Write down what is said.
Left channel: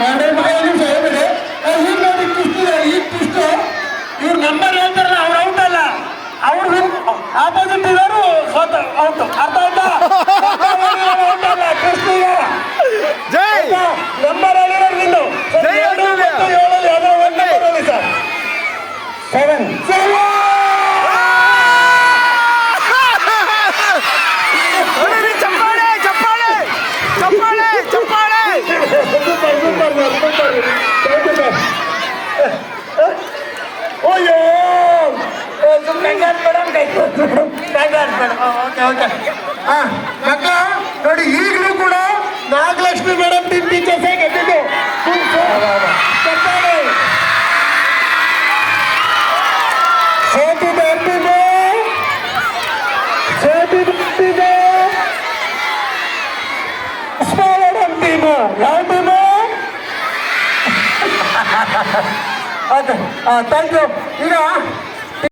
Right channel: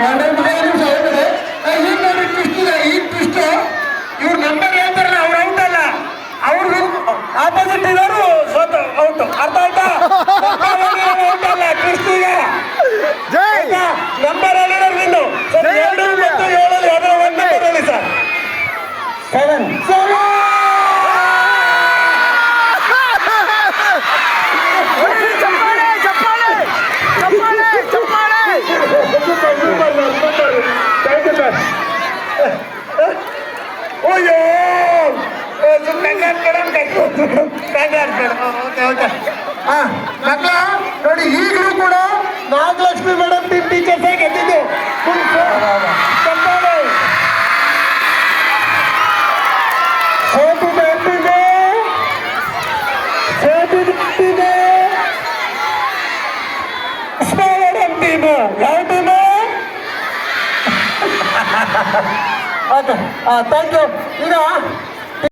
ನನ್ನ ಮಗ ನಿಮಿಷ ಹೇಳ್ಬೇಡಿ. ಈಗ ನೋಡಿ ಟ್ವಿಸ್ಟ್ ಇದೆ. ಈ ಟ್ವಿಸ್ಟ್ ಇವ್ರು ನಂಬರ್ ಹೇಳ್ತಾರಲ್ಲ ಅವ್ರು ಔಟ್ ಅಲ್ಲ, ಅವ್ರು ಆಪೋಸಿಟ್ ಇರೋರು ಔಟ್. ಅರ್ಥ ಆಯ್ತಾ? ಔಟ್ ಅಲ್ಲ, ಟ್ವಿಸ್ಟ್ ಇದೆ. ಜೈ ನಂಬರ್ ಹೇಳಿರೋರು ನಿಂದು ಜೈ ಆಸ್ಟ್ರೇಲಿಯಾ. 7 ಯಾವುದೋ ಒಂದು ನಂಬರ್ ಹೇಳಿ ಸರ್. 7 ಚಪ್ಪಾಳೆ ಚಪ್ಪಾಳೆ ಚಪ್ಪಾಳೆ ಚಪ್ಪಾಳೆ. Super super sir, super. Thank you sir. ಅಯ್ಯೋ ಮಕ್ಕ ನೋಡಿ, ಈಗಲೂ ಕೂಡ ನಾಗಲಕ್ಷ್ಮಿ ಮೇಡಮ್ ಟೀಮ್ ಟೀಚರ್ಸ್ ಗೆದ್ದಿದ್ದು. ಚಪ್ಪಾಳೆ. ಸೋತಿದೆ ಅಂತಿದೆ, ಸೋತಿದೆ ಅಂತಿದೆ. ಮೇಡಮ್ ಟೀಮು ಯಾವ ಟೀಮು? Okay, thank you. ಈಗ